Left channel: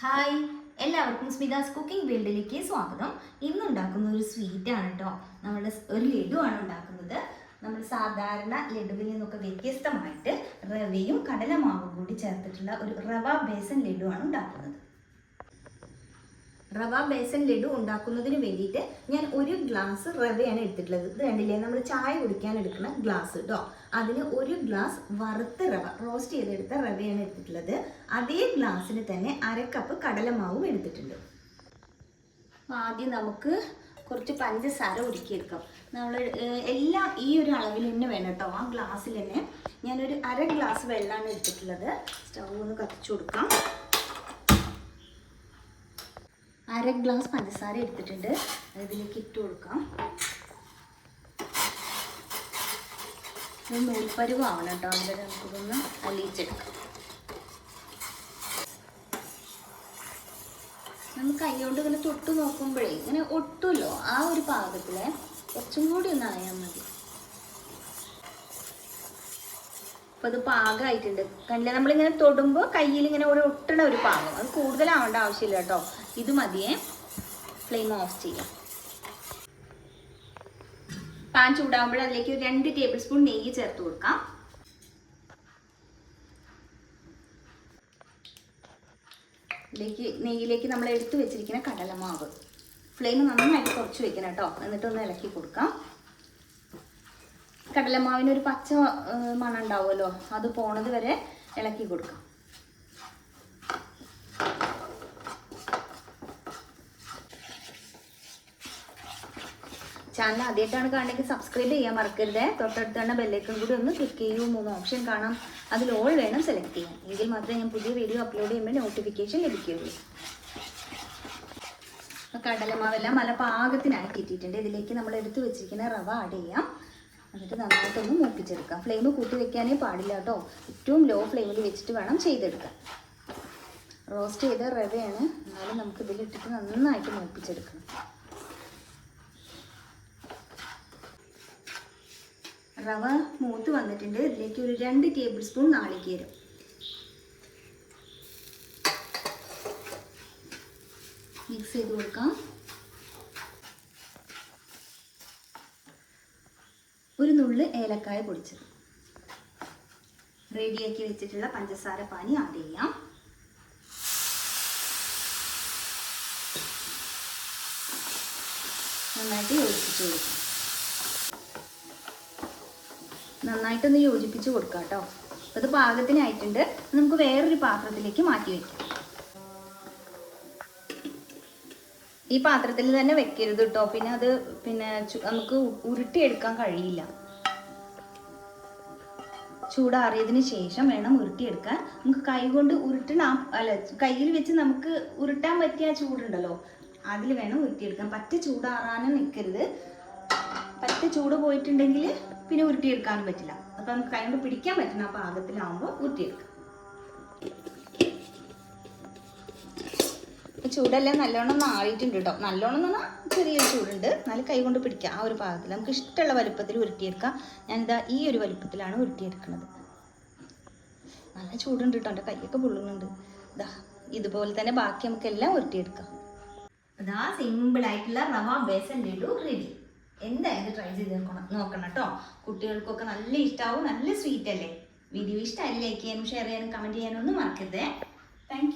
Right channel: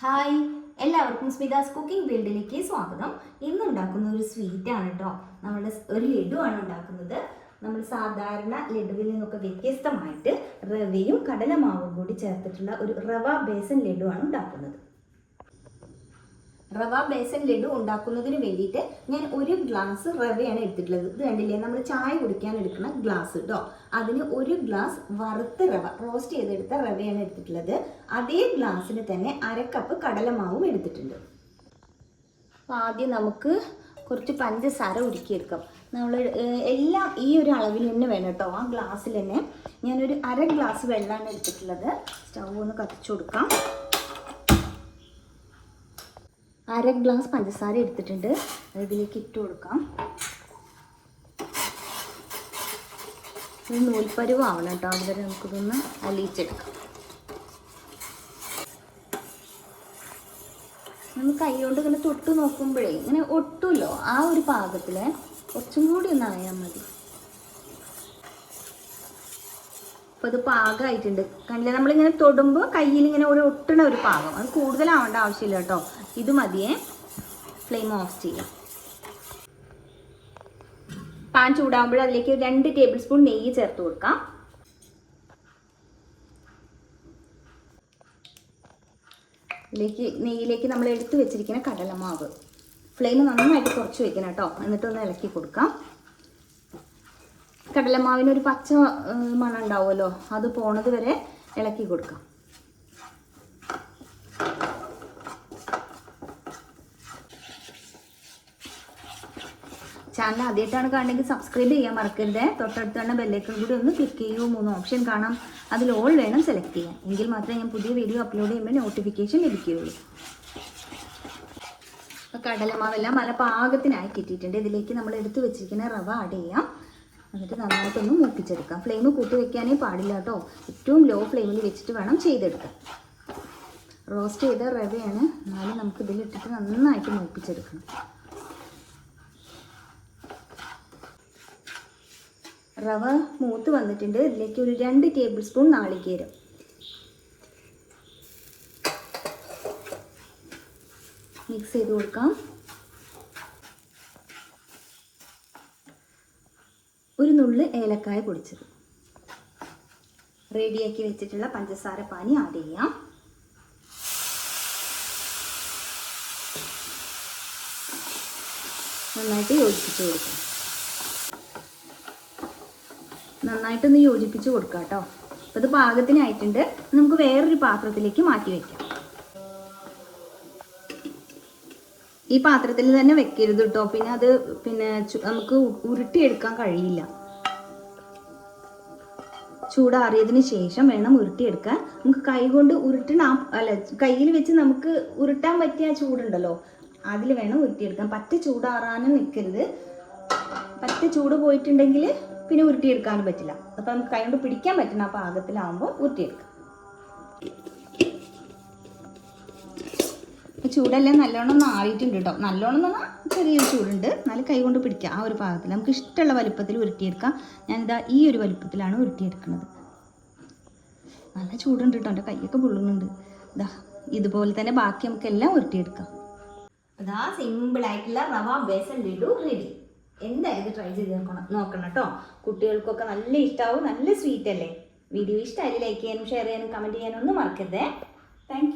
Hi, എല്ലാവർക്കും സ്മിതാസ് cooking വേൾഡിലേക്ക് സ്വാഗതം. ഇന്ന് ഉണ്ടാക്കുന്ന ഒരു സ്വീറ്റ് ആണ് കേട്ടോ. നമ്മുടെ ഒരു ലഡു ആണ് ഉണ്ടാക്കുന്നത്. നമ്മൾ സാധാരണ ലഡുവിൽ നിന്നൊക്കെ വ്യത്യസ്തമായിട്ട് റവയും കടലമാവും കൂടി ചേർത്തിട്ടുള്ള ഒരു റവ ബേസൻ ലഡു ആണ് ഉണ്ടാക്കുന്നത്. റവ ബേസൻ ലഡു ഉണ്ടാക്കുന്നതിന് വേണ്ടിയിട്ട് ഞാൻ ഒരു ഗ്ലാസ് റവയാണ് എടുത്തിട്ടുള്ളത്. ഇത് കണ്ടില്ലേ, നമ്മൾ ചായ കുടിക്കാൻ എടുക്കുന്ന ഗ്ലാസ് കേട്ടോ. അതിന് ഒരു ഗ്ലാസ് വറുത്ത റവ, റോസ്റ്റ് ചെയ്തെടുത്ത റവയാണ് എടുത്തിട്ടുള്ളത്. അതേ ഗ്ലാസ്സിന് തന്നെ അരക്കപ്പ് കടലമാവും എടുത്തിട്ടുണ്ട്. അപ്പോൾ ആദ്യം നമുക്ക് കുറച്ച് പഞ്ചസാര ഉരുക്കിയെടുക്കാം. നമ്മൾ എല്ലാം ഈ ഒരു അളവിൽ തന്നെ വേണം കേട്ടോ. ആ ഗ്ലാസ്സിൽ തന്നെ ഞാനൊരു അര ഗ്ലാസ് വെള്ളമാണ് എടുത്തിട്ടുള്ളത്. സ്റ്റൗ ഒന്ന് കത്തിച്ചു കൊടുക്കാം. അര ഗ്ലാസ് പഞ്ചസാര എടുത്തിട്ടുണ്ട്, ഇതിലേക്ക് ഇട്ട് കൊടുക്കാം. നൂൽപ്പരുവാവണം കേട്ടോ, അതുവരെ നമുക്കിതൊന്ന് അലിയിച്ചെടുക്കാം. നമ്മൾ കൈകൊണ്ട് ഇങ്ങനെ തൊട്ട് നോക്കുമ്പോഴേ ഇങ്ങനെ ഒട്ടുമല്ലോ, ആ ഒരു പാകത്തിൽ കുറച്ചും കൂടി ഒന്ന് അറിയാൻ മതി. അപ്പോൾ അത് പാകമായിട്ടുണ്ട്. കണ്ടില്ല, നമ്മളിങ്ങനെ തൊടുമ്പോൾ കയ്യിൽ ഇങ്ങനെ ഒരു ഒട്ടണ ഒരു പാകം. അത് കൂടുതലാവേണ്ട ആവശ്യമില്ല കേട്ടോ, ഇത് മതിയേ. ഫ്ലെയിം ഓഫ് ചെയ്യാം. പാൻ ചൂടാകുമ്പോൾ അതിലേക്ക് 2 ടേബിൾ സ്പൂൺ നെയ്യ് ചേർത്ത് കൊടുക്കാം. നെയ്യിലേക്ക് നമ്മൾ എടുത്തു വെച്ചിരിക്കുന്ന കടലമാവ്, ഫ്ലെയിം നന്നായിട്ട് കുറച്ച് വെക്കണം കേട്ടോ. എന്നിട്ടൊന്ന് ഇളക്കി കൊടുക്കാം. കടലമാവിനൊരു പച്ച മണം ഉണ്ടാവുമല്ലോ, അത് പോണത് വരെ ഇളക്കി കൊടുക്കാം. ചാനൽ ആദ്യമായിട്ടാണ് കാണുന്നെങ്കിൽ സബ്സ്ക്രൈബ് ചെയ്യാൻ മറക്കരുത്. തൊട്ടടുത്താണ് ബെല്ലൈക്കൺ കൂടി ഒന്ന് ക്ലിക്ക് ചെയ്യുമ്പോൾ 3 ഓപ്ഷൻ കാണാം. അതിൽ ഓൾ വേണം സെലക്ട് ചെയ്യാൻ. എങ്കിൽ മാത്രമേ ഞാൻ പുതിയ വീഡിയോ അപ്ലോഡ് ചെയ്യുമ്പോൾ നോട്ടിഫിക്കേഷൻ ലഭിക്കുകയുള്ളൂ. കടലമാവെല്ലാം നല്ല പാകത്തിനായി കിട്ടിയിട്ടുണ്ട്. ഇതിലേക്ക് നമ്മൾ എടുത്ത് വെച്ചിരിക്കുന്ന റവ ആഡ് ചെയ്യാം. എന്നിട്ട് നന്നായിട്ടൊന്ന് മൂപ്പിച്ചെടുക്കാം. ഫ്ലെയിം കൂട്ടി വെക്കാനേ പാടില്ല കേട്ടോ. ഏറ്റവും ലോ ഫ്ലെയിമിൽ വെച്ചിട്ട് വേണം ചെയ്തെടുക്കാൻ. റോസ്റ്റ് ചെയ്ത റവയാണ്, എന്നാലും നമുക്ക് ഇതിലിട്ടിട്ട് നന്നായിട്ട് മൂപ്പിച്ചെടുക്കണം. റവ മൂത്ത് വന്നിട്ടുണ്ട്. ഇതിലേക്ക് ഒരു 2 ടേബിൾ സ്പൂൺ നാളികേരം, മിക്സ് ചെയ്ത് കൊടുക്കാം. ഒരു നുള്ള് ഏലക്കായ പൊടിച്ചത്, റെഡിയാക്കി വെച്ചിട്ടുള്ള പഞ്ചസാര പാനി ആഡ് ചെയ്യാം. നന്നായിട്ട് യോജിപ്പിച്ച് കൊടുക്കാം. നന്നായിട്ടൊന്ന് യോജിപ്പിച്ച് കൊടുക്കാം കേട്ടോ. ഇത് പാകത്തിനായിട്ടുണ്ട്. നമുക്ക് വേറൊരു പാത്രത്തിലേക്ക് മാറ്റി വെക്കാം. ഈ പാത്രത്തിൽ തന്നെ വെക്കരുത് കേട്ടോ, പിന്നെ അത് നമുക്ക് ഉരുട്ടിയെടുക്കാൻ കഴിയില്ല. ചൂടാറിയതിന് ശേഷം വേണം ഉരുട്ടിയെടുക്കാൻ. നമുക്ക് കൈ കൊണ്ട് കയ്യിൽ വെച്ച് നമുക്ക് ഉരുട്ടാൻ പറ്റിയ ചൂടുണ്ടല്ലോ, അതിൽ വേണം ഉരുട്ടിയെടുക്കാൻ. പറ്റ ചൂടാറാനും നിൽക്കരുത്. പറ്റ ചൂട് പോയിട്ടുണ്ടെങ്കിൽ പിന്നെ ഉരുട്ടിയെടുക്കാനും പറ്റില്ല. അപ്പം നമുക്ക് കൈ കൊണ്ട് പിടിക്കാൻ പറ്റുന്ന ആ പാകത്തിലാവുമ്പോൾ ഉരുട്ടിയെടുക്കാം. ചൂടെല്ലാം നല്ലോണം ആയിട്ടുണ്ട് കേട്ടോ. നല്ലോണം എന്ന് പറഞ്ഞാൽ ചെറിയൊരു ചൂടുണ്ട്, എന്നാലും കൈ കൊണ്ട് പിടിക്കാം. ആ ഒരു പാകത്തിൽ നമുക്ക് ഇഷ്ടമുള്ള വലുപ്പത്തിൽ ഉരുട്ടിയെടുക്കാം. ഞാനിതാ ഈ ഒരു വലുപ്പത്തിലാണ് ഉരുട്ടിയെടുക്കുന്നത്. നല്ല ചൂടുണ്ട് കേട്ടോ, എൻ്റെ കൈയൊക്കെ പൊള്ളുന്നുണ്ട്. ഇതാ ഇതുപോലെ തന്നെ ബാക്കി നമുക്ക് എല്ലാം ഉരുട്ടിയെടുക്കാം. അതാ സിമ്പിളായിട്ടുള്ള റവ ബേസൻ ലഡു റെഡി. എന്തായാലും ട്രൈ ചെയ്ത് നോക്കണം കേട്ടോ. കുട്ടികൾക്കൊക്കെ നല്ല ഇഷ്ടമാവും. നല്ല സ്വീറ്റ് അല്ലേ. വീഡിയോ ഇഷ്ടമായി ലൈക്ക് ചെയ്യാനും ഷെയർ ചെയ്യാനും കമൻറ്റ് ചെയ്യാനും ഒന്നും മറക്കരുതേ. Thank you.